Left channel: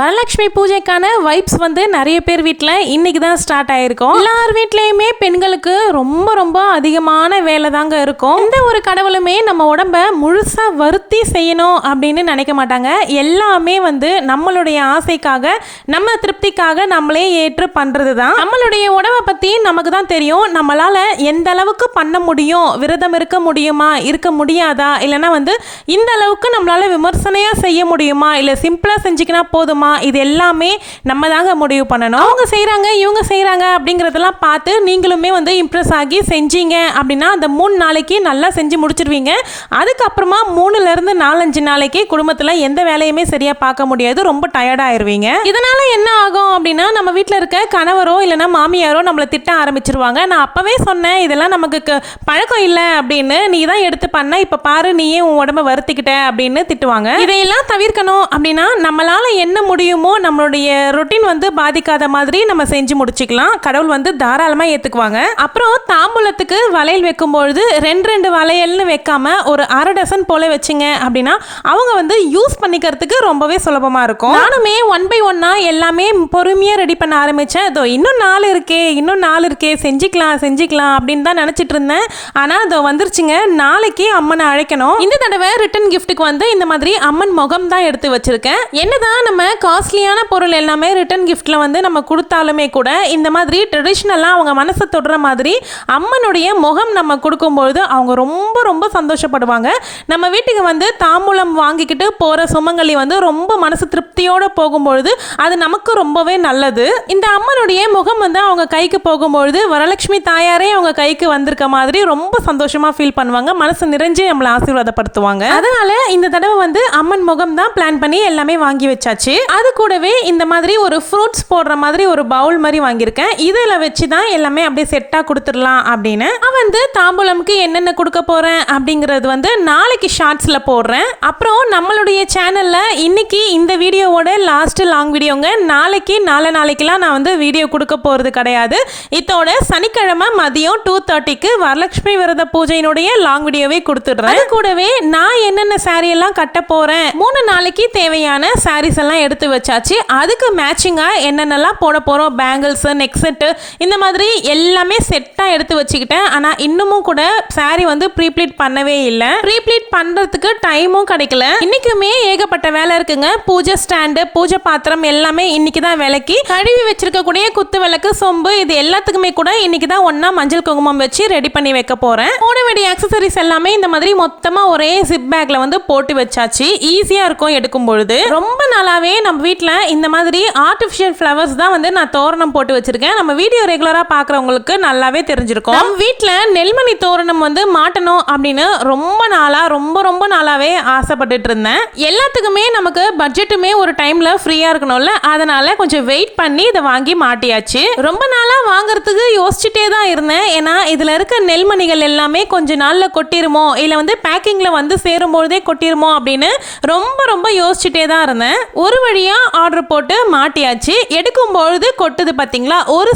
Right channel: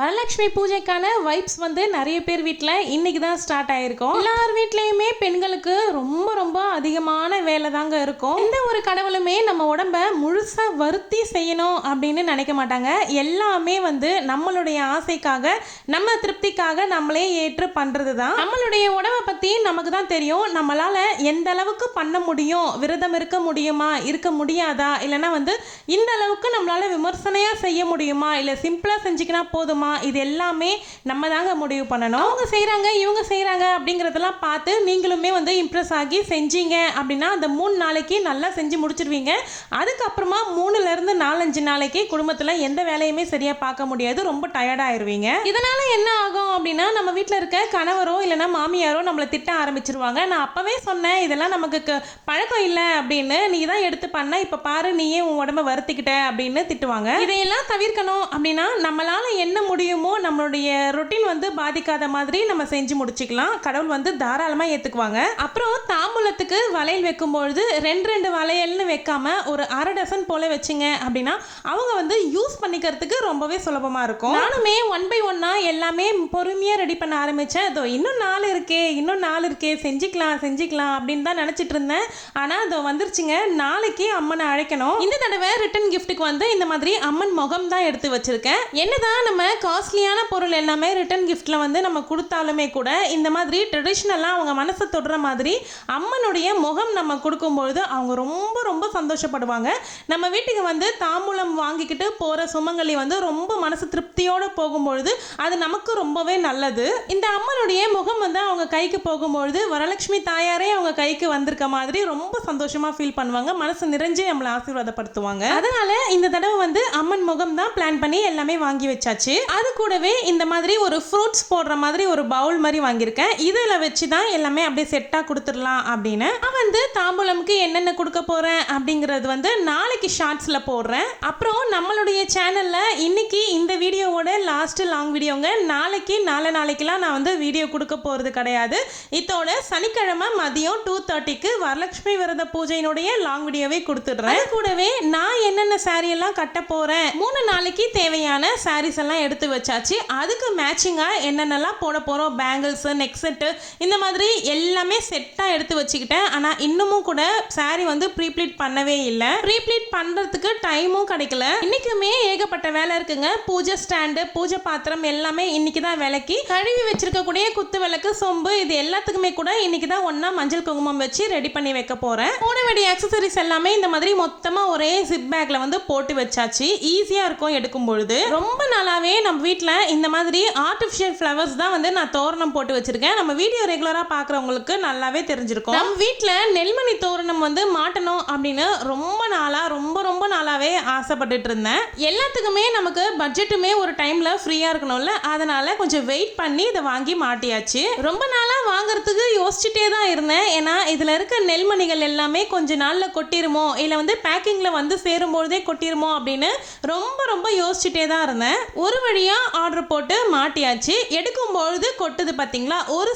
Varalakshmi பூஜைக்கான vibes வந்து நிறைய பேர் வீட்டில் இன்னைக்கு தான் ஸ்டார்ட் ஆயிருக்கும். எல்லார் வீட்லேயுமே பெண்களுக்கு ரொம்ப ரொம்ப அதிகமான வேலை தாங்க இருக்கும். எந்த ஒரு கடவுளுமே நம்ம உடம்ப முழுசாக வருத்தி செய்யணும் அப்படின்னு நினைக்க மாட்டாங்க. எல்லாமே வந்து நம்மளுடைய ஆசைக்காக, நம்ம திருப்திக்காக நம்மளே ஏற்று பண்ணுறது தான். நம்மளுடைய உடம்பை பற்றி நமக்கு தான் தெரியும். நம்மளால் எந்த அளவுக்கு பண்ண முடியும், விரதம் இருக்க முடியுமா, இருக்க முடியாதா, இல்லைன்னா வந்து இந்த அளவுக்கு நம்மளால் விமர்சனையாக செய்ய முடியுமா, இல்லை சிம்பிளாக செஞ்சுக்கினா போதுமா, இது எல்லாமே நம்ம தாங்க முடிவு பண்ணணும். அவங்க செய்கிறாங்க, இவங்க செய்கிறாங்க அப்படிங்கிறதெல்லாம் பார்த்து நீங்களுமே வந்து இம்ப்ரெஸ் ஆகி செஞ்சீங்க அப்படின்னா அந்த 3 நாளைக்கு நல்லா செஞ்சு முடிச்சிருவீங்க. அதுக்கப்புறமா 3லேருந்து 4-5 நாளைக்கு குடும்பத்தில் எந்த வேலையுமே சரியாக பார்க்க முடியாது, ரொம்ப டயர்டாயிருவீங்க. இதனால என்ன ஆகும் அப்படின்னா, நம்ம வீட்டில் இருக்க கணவரோ இல்லைன்னா மாமியாரோ நம்மளை திட்ட ஆரம்பிச்சிருவாங்க. நான் அப்பவே சொன்னேன் இதெல்லாம் நமக்கு பழக்கம் இல்லை அப்படின்னு, நீ தான் எடுத்து பண்ண, இப்போ பாரு நீயே உன் உடம்ப வருத்திக்கிட்ட அப்படின்னு திட்டுவாங்க. இதையெல்லாம் தவிர்க்கணும் அப்படின்னா நம்மளால என்ன முடியுமோ நம்மளுடைய ரொட்டீன் வந்து பாதிக்காத மாதிரி நம்ம செஞ்சு முடிச்சுக்கலாம். கடவுள் வந்து தாராளமாக ஏற்றுக்குவாங்க. அப்புறம் தாம்பூலத்துக்கு வளையல் வைக்கும்பொழுது 2 வளையல்னு வைக்காம ஒரு 1/2 டசன் போல வச்சுங்க அப்படின்னா அவங்க வந்து யூஸ் பண்ணிக்கிறதுக்கு ரொம்பவே சுலபமாக இருக்கும். நானுமே 1 by 1 எல்லாமே பொறுமையாக ரெடி பண்ண ஆரம்பித்தேன். அதோ இன்னும் 4 இருக்கே செஞ்சுக்கலாம் அப்படின்னு தான் நினச்சிட்டு இருந்தேன். ஆனால் அதோ வந்துருச்சுங்க. நாளைக்கு அம்மனை அழைக்கணும். இந்த தடவை ரிட்டன் கிஃப்ட்டுக்கு வந்து இந்த மாதிரி அம்மன் முகம் தான் எடுத்து வச்சிருக்கேன். என்னதான் நம்ம காஸ்ட்லியான பொருள் எல்லாமே ரிட்டன் கிஃப்ட்ல வந்து நம்ம கொடுத்தாலுமே கூட இந்த மாதிரி ட்ரெடிஷ்னலாக அவங்க மனசை தொடுற மாதிரி அம்மனுடைய முகம் நம்ம கொடுக்கும்பொழுது அவங்க ரொம்ப ரொம்ப சந்தோஷப்படுவாங்க. நம்ம வீட்டுக்கு வந்து தாம்பூலம் வாங்கிக்கிட்டு போகிற சுமங்கலி வந்து ரொம்ப மனசு திருப்தியோடு போகும்பொழுது அது நமக்கு ரொம்பவே நல்லது. இந்த அம்மனுடைய முகம் வந்து அவங்க கைக்கு போகும்பொழுது வரலட்சுமி தாயாரே அவங்க கைக்கு வந்திருக்க மாதிரி ரொம்ப சந்தோஷமாக ஃபீல் பண்ணுவாங்க. மனசு நிறைஞ்சு நம்மளை ஆசீர்வாதப்படுத்துவாங்க. அதனால இந்த தடவை வந்து அம்மன் முகம் தான் பிளான் பண்ணி எல்லாமே வாங்கி வச்சாச்சு. அது கூடவே இந்த மாதிரி ஒரு ஃப்ரூட்ஸ் போடுற மாதிரி ஒரு பவுல் மாதிரி வாங்கியிருக்கேன். இதில் வச்சு தான் எல்லாமே அப்படியே செட்டாக கொடுத்துடலாம் அப்படின்னு. நான் வந்து தாம்பூலம்க்கு என்னென்ன கொடுக்க போகிறேன் அப்படிங்கிறது வந்து நாளைக்கு ஷார்ட்ஸில் போடுறேன். அப்புறம் நம்மளுடைய சேனலில் இன்னைக்கு இந்த வீடியோவோட லாஸ்ட் லாங் வீடியோங்க. நாளைக்கெல்லாம் நான் வந்து வீடியோ கொடுக்க போகிறது கிடையாது. இதோட சனிக்கிழமை மதியம் 2:30க்கு வரலட்சுமி விரத பூஜையினுடைய லாங் வீடியோவே கொடுத்துடுறேன். அது கூடவே நான் என்னென்ன சாரி எல்லாம் கட்ட போகிறேன், 3 நாளைக்கு தேவையான சாரீஸ் எல்லாம் எடுத்து வச்சாச்சு. அதுக்கு மேட்சிங்காக என்னென்னலாம் போட போகிறோம், பேங்கிள்ஸு, நெக் செட்டு, இந்த மாதிரி எல்லாமே செட்டாக எடுத்து வச்சுக்கிட்டேன். ஆனால் இன்னமும் கூட சாரி வந்து ப்ரீப்ளீட் பண்ணவே இல்லை. ப்ரீப்ளீட் பண்ணுறதுக்கு டைமும் கிடைக்கல. இன்றைக்குமே ஏகப்பட்ட வேலை இருக்குங்க. பூஜை ஸ்டாண்டு, பூஜை பாத்திரம் எல்லாமே இன்னைக்கு தான் விளக்கி கழுவி வச்சிருக்கக்கூடிய குத்து விளக்கு, சொம்பு, இது எல்லாத்துக்குமே கூட இன்னைக்கு தான் ஒன்றா மஞ்சள் குங்குமம் வச்சு ரெடி பண்ணி வைக்க போகிறேன். போட வேண்டிய ஆக்சசரிஸ் எல்லாமே இந்த மாதிரி மொத்தமாக ஒரே ஜிப் பேக்கில் வந்து போட்டு வச்சாச்சு. ஈஸியாக இருக்கும் எடுக்கும் பொழுது. ரொம்ப நாளாகவே நம்ம வீட்டில் இந்த மாதிரி ஆர்டிஃபிஷியல் ஃப்ளவர்ஸ் தான் வந்து நான் தோரணம் போட்டு வச்சிருக்கேன். நம்ம வீடியோ ரெகுலராக பார்க்குறவங்களுக்கு நல்லாவே தெரிஞ்சிருக்கும். நம்ம வீட்டில் நெல்மணி தோரணம் வந்து மாட்டணும் அப்படின்னு ரொம்ப நாளாகவே ஆசைப்பட்டுட்டு இருந்தேன். எல்லாத்துக்குமே நமக்கு பட்ஜெட்டுமே ஒரு டைமில் ஃப்ரீயாக இருக்கணும்ல, அதனால கொஞ்சம் வெயிட் பண்ணி இதை வாங்கி மாட்டியாச்சு. ரொம்ப நாளாக வாங்குறதுக்கு யோசிச்சுட்டே தான் இருந்தேன். ஏன்னா இதில் இருக்க நெல்மணிகள் எல்லாமே கொஞ்ச நாளில் கொட்டிருமோ, இல்லை வந்து பேக்கிங்கில் வந்து சேரும்பொழுதே கொட்டிருமோ அப்படின்னு ரொம்ப யோசிச்சுட்டே தான் இருந்தேன். ஒரு வழியா ஆர்டர் போட்டு மாட்டியாச்சு. எடுக்கும்பொழுது கொட்டுது பார்த்தீங்களா, ஒரு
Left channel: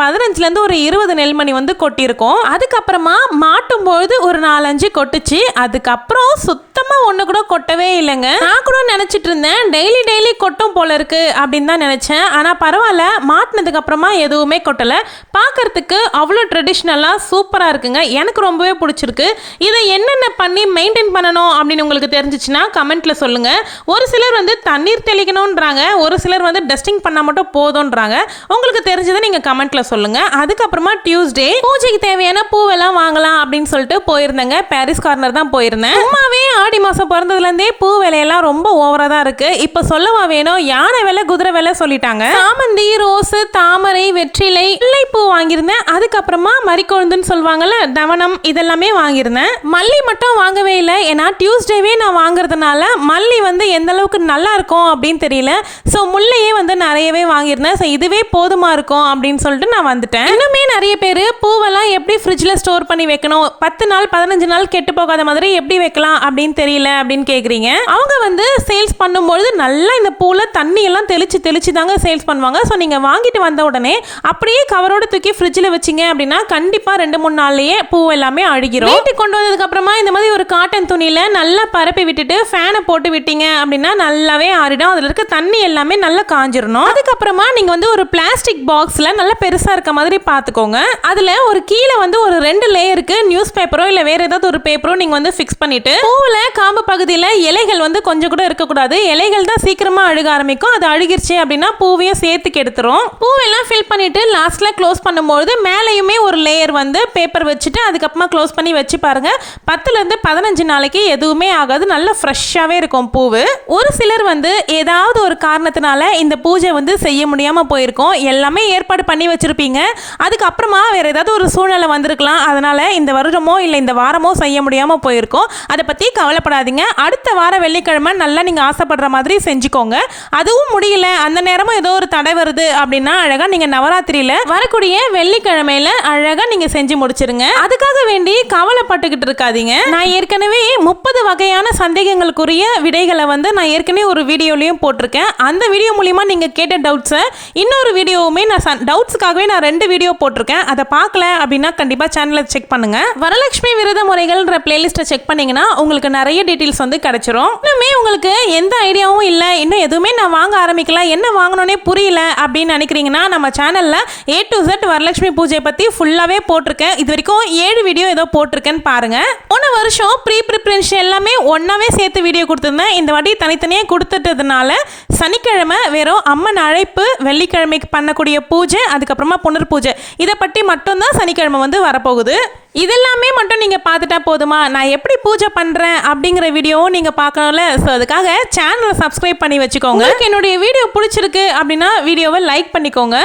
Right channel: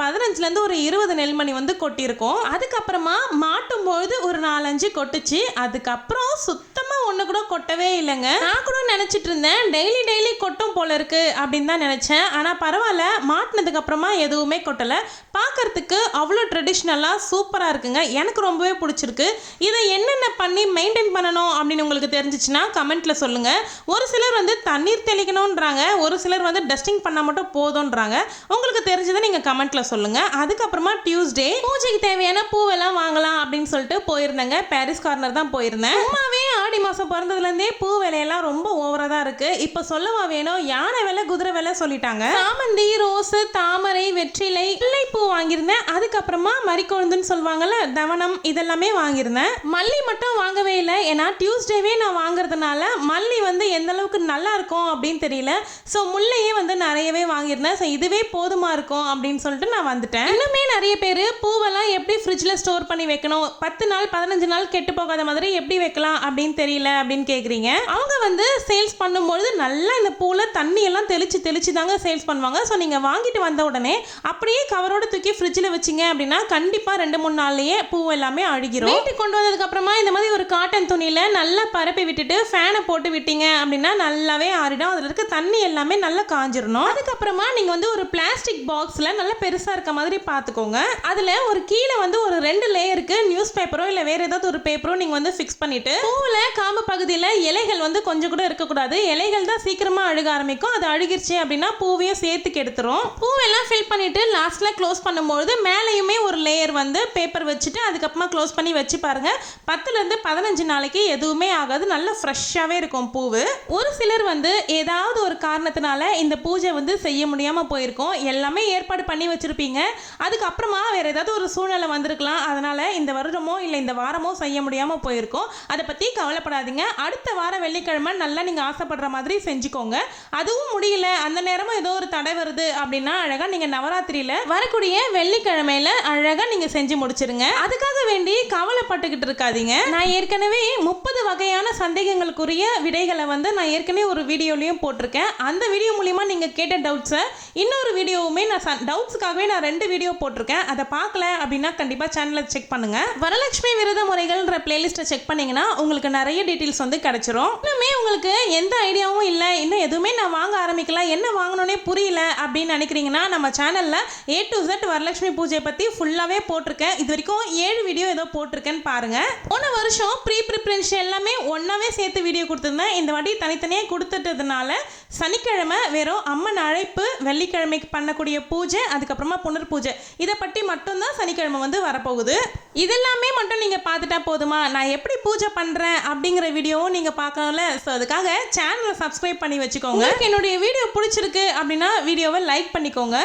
15லேருந்து ஒரு 20 நெல்மணி வந்து கொட்டியிருக்கோம். அதுக்கப்புறமா மாட்டும் பொழுது ஒரு 4-5 கொட்டுச்சு. அதுக்கப்புறம் சுத்தமாக ஒன்று கூட கொட்டவே இல்லைங்க. நான் கூட நினச்சிட்டு இருந்தேன் டெய்லி கொட்டும் போல இருக்கு அப்படின்னு தான் நினச்சேன். ஆனால் பரவாயில்ல, மாட்டினதுக்கு அப்புறமா எதுவுமே கொட்டலை. பார்க்கறதுக்கு அவ்வளோ ட்ரெடிஷ்னலாக சூப்பராக இருக்குங்க. எனக்கு ரொம்பவே பிடிச்சிருக்கு. இதை என்னென்ன பண்ணி மெயின்டைன் பண்ணணும் அப்படின்னு உங்களுக்கு தெரிஞ்சிச்சுன்னா கமெண்ட்ல சொல்லுங்க. ஒரு சிலர் வந்து தண்ணீர் தெளிக்கணும்ன்றாங்க, ஒரு சிலர் வந்து டஸ்டிங் பண்ணால் மட்டும் போதும்ன்றாங்க. உங்களுக்கு தெரிஞ்சதை நீங்கள் கமெண்ட்ல சொல்லுங்க. அதுக்கப்புறமா டியூஸ்டே பூஜைக்கு தேவையான பூவெல்லாம் வாங்கலாம் அப்படின்னு சொல்லிட்டு போயிருந்தேங்க. பாரிஸ் கார்னர் தான் போயிருந்தேன். சும்மாவே ஆடி மாதம் பிறந்ததுலேருந்தே பூ விலையெல்லாம் ரொம்ப ஓவராக தான் இருக்கு. இப்போ சொல்லவா வேணும், யானை விலை குதிரை விலை சொல்லிட்டாங்க. சாமந்தி, ரோஸு, தாமரை, வெற்றிலை, பூ வாங்கியிருந்தேன். அதுக்கப்புறமா மரிக்கொழுந்துன்னு சொல்லுவாங்கல்ல, தவனம், இதெல்லாமே வாங்கியிருந்தேன். மல்லி மட்டும் வாங்கவே இல்லை. ஏன்னா டியூஸ்டேவே நான் வாங்குறதுனால மல்லி வந்து எந்த அளவுக்கு நல்லா இருக்கும் அப்படின்னு தெரியல. ஸோ முல்லையே வந்து நிறையவே வாங்கியிருந்தேன். ஸோ இதுவே போதுமா இருக்கும் அப்படின்னு சொல்லிட்டு நான் வந்துட்டேன். இன்னுமே நிறைய பேர் பூவெல்லாம் எப்படி ஃப்ரிட்ஜில் ஸ்டோர் பண்ணி வைக்கணும், 10 நாள் 15 நாள் கெட்டு போகாத மாதிரி எப்படி வைக்கலாம் அப்படின்னு தெரியல அப்படின்னு கேட்குறீங்க. அவங்க வந்து சேல்ஸ் பண்ணும்பொழுது நல்லா இந்த பூவில் தண்ணி எல்லாம் தெளிச்சு தாங்க சேல்ஸ் பண்ணுவாங்க. ஸோ நீங்கள் வாங்கிட்டு வந்த உடனே அப்படியே கவரோட தூக்கி ஃப்ரிட்ஜில் வச்சிங்க அப்படின்னா கண்டிப்பாக 2-3 நாள்லேயே பூ எல்லாமே அழுகிரும். வீட்டுக்கு கொண்டு வந்ததுக்கு அப்புறமா இந்த மாதிரி ஒரு காட்டன் துணியில் நல்லா பரப்பி விட்டுட்டு ஃபேனை போட்டு விட்டீங்க அப்படின்னா நல்லாவே ஆறிடும். அதில் இருக்க தண்ணி எல்லாமே நல்லா காஞ்சிரணும். அதுக்கப்புறமா நீங்க வந்து ஒரு பிளாஸ்டிக் பாக்ஸ்ல நல்ல பெருசா இருக்க மாதிரி பாத்துக்கோங்க. அதுல ஒரு கீழே வந்து ஒரு 2 லேயருக்கு நியூஸ் பேப்பரோ இல்ல வேற ஏதாவது ஒரு பேப்பரோ நீங்க வந்து ஃபிக்ஸ் பண்ணிட்டு, பூவுல காம்பு பகுதியில இலைகள் வந்து கொஞ்சம் கூட இருக்கக்கூடாது. இலைகள் தான் சீக்கிரமா அழுக ஆரம்பிக்கும். அது அழுகிருச்சு அப்படின்னா பூவையும் சேர்த்து கெடுத்துரும். பூவெல்லாம் ஃபில் பண்ணிட்டு லாஸ்ட்ல க்ளோஸ் பண்ணும்போது மேலேயுமே ஒரு லேயர் வந்து பேப்பர் வச்சுட்டு அதுக்கப்புறமா க்ளோஸ் பண்ணி வச்சு பாருங்க. 10லேருந்து 15 நாளைக்கு எதுவுமே ஆகாது. நல்ல ஃப்ரெஷ்ஷாகவே இருக்கும் பூவு. ஒரு சிலர் வந்து ஏதாவது ஒரு காரணத்தினால இந்த பூஜை வந்து செய்ய முடியாமல் போயிருக்கும். எல்லாமே ஏற்பாடு பண்ணி வச்சுருப்பீங்க. அதுக்கப்புறமா வேறு ஏதாவது ஒரு சூழ்நிலை வந்திருக்கலாம். அதனால் இந்த வருடமோ இல்லை இந்த வாரமோ செய்ய முடியாமல் போயிருக்கும். அதை பற்றி கவலைப்படாதீங்க. அடுத்த வார வெள்ளிக்கிழமை நல்லா நீங்கள் ஆசைப்படுற மாதிரி செஞ்சுக்கோங்க. அதுவும் முடியல, அந்த நேரமும் ஏதோ ஒரு தடை வருது அப்படின்னா அழகாக நீங்கள் நவராத்திரியில் வரக்கூடிய வெள்ளிக்கிழமையில் அழகாக நீங்கள் செஞ்சு முடிச்சிருங்க. அதுக்காக வேண்டி கவலைப்பட்டுக்கிட்டு இருக்காதீங்க. நான் ஏற்கனவே 30 வகையான சந்தேகங்களுக்குரிய விடைகளை வந்து நான் ஏற்கனவே ஒரு வீடியோலையும் போட்டிருக்கேன். அந்த வீடியோ மூலிமா நீங்கள் கேட்ட டவுட்ஸை இன்னொரு வீடியோவுமே நான் டவுட்ஸுக்காகவே நான் 2 வீடியோ போட்டிருக்கேன். அதை பார்க்கல அப்படின்னா கண்டிப்பாக சேனலை செக் பண்ணுங்க. வரலட்சுமி விரத முறைகள்ன்ற பிளேலிஸ்ட்டை செக் பண்ணீங்கன்னா உங்களுக்கு நிறைய டீட்டெயில்ஸ் வந்து கிடைச்சிரும். இன்னுமே உங்களுக்கு எந்த ஐடியாவும் இல்லை, இன்னும் எதுவுமே நான் வாங்க ஆரம்பிக்கல, என்ன வாங்கணும்னே புரியல அப்படின்னு நினைக்கிறீங்கன்னா நம்ம சேனலில் A to Z வரலட்சுமி பூஜை பற்றி ஃபுல்லாகவே போட்டிருக்கேன். இது வரைக்கும் 7 வீடியோ ஏதோ போட்டிருக்கேன்னு பாருங்க. போன வருஷம் ப்ரிப்பரேஷன் எல்லாமே ஒன்னாவே சேர்த்து வீடியோ கொடுத்துருந்தேன். இந்த வாட்டி தனித்தனியாக கொடுத்துட்டதுனால சனிக்கிழமை வெறும் அம்மன் அழைப்பு, வெள்ளிக்கிழமைக்கு பண்ணக்கூடிய பூஜை, அதுக்கப்புறமா புனர் பூஜை, இதை பற்றி மட்டும்தான் சனிக்கிழமை வந்து வரப்போகுது. இதெல்லாமே மட்டும் நீங்கள் பார்த்துட்டா போதுமா? நான் எப்படி பூஜை பண்ணுறேன் அப்படிங்கிற வீடியோவும் நீங்கள் பார்க்கணும்ல. ஸோ அதுக்காக சேனலை சப்ஸ்கிரைப் பண்ணி வச்சுக்கோங்க. என்னுடைய வீடியோ பிடிச்சிருக்கு அப்படின்னா வீடியோவை லைக் பண்ணிக்கோங்க.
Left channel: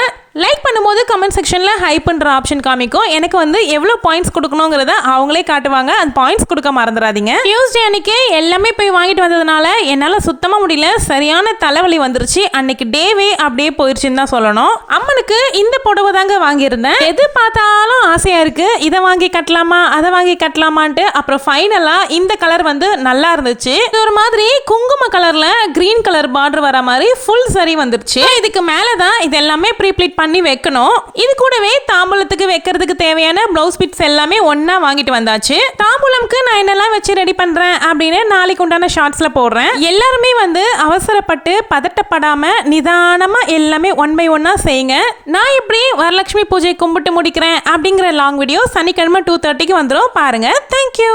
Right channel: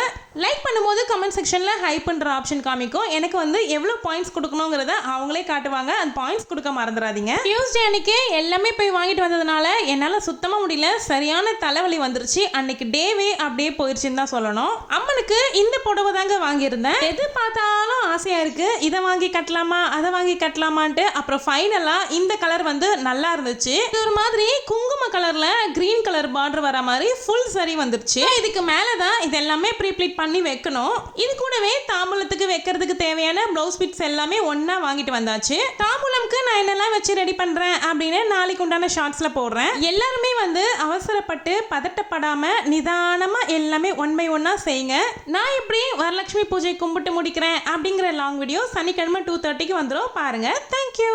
லைக் பண்ணும்போது கமெண்ட் செக்ஷனில் ஹைப்ன்ற ஆப்ஷன் காமிக்கும். எனக்கு வந்து எவ்வளோ பாயிண்ட்ஸ் கொடுக்கணுங்கிறத அவங்களே காட்டுவாங்க. அந்த பாயிண்ட்ஸ் கொடுக்க மறந்துடாதீங்க. டியூஸ்டே அன்னைக்கு எல்லாமே போய் வாங்கிட்டு வந்ததுனால என்னால் சுத்தமாக முடியல, சரியான தலைவலி வந்துருச்சு. அன்னைக்கு டேவே அப்படியே போயிடுச்சுன்னு தான் சொல்லணும். அம்மனுக்கு இந்த புடவை தாங்க வாங்கியிருந்தேன். எது பார்த்தாலும் ஆசையாக இருக்குது, இதை வாங்கி கட்டலாமா அதை வாங்கி கட்டலாமான்ட்டு. அப்புறம் ஃபைனலாக இந்த கலர் வந்து நல்லா இருந்துச்சு. இது ஒரு மாதிரி குங்கும கலரில் கிரீன் கலர் பார்டர் வர மாதிரி ஃபுல் சரி வந்துருச்சு. இதுக்கு மேலே தான் இது எல்லாமே ப்ரீப்ளீட் பண்ணி வைக்கணும். இது கூடவே தாம்பூலத்துக்கு வைக்கிறதுக்கு தேவையான ப்ளவுஸ் பிட்ஸ் எல்லாமே ஒண்ணா வாங்கிட்டு வந்தாச்சு. தாம்பூலம்க்கு நான் என்னெல்லாம் வச்சு ரெடி பண்றேன் அப்படின்னு நாளைக்கு உண்டான ஷார்ட்ஸ்ல போடுறேன். எல்லாருமே வந்து அவசரப்பட்டு பதட்டப்படாம நிதானமா எல்லாமே 1 by 1 செய்யுங்க. நான் எப்படி வரலட்சுமி பூஜை கும்பிட்டு முடிக்கிறேன் அப்படிங்கிற லாங் வீடியோ சனிக்கிழமை 2:30க்கு வந்துடும் பாருங்க. தேங்க்யூ.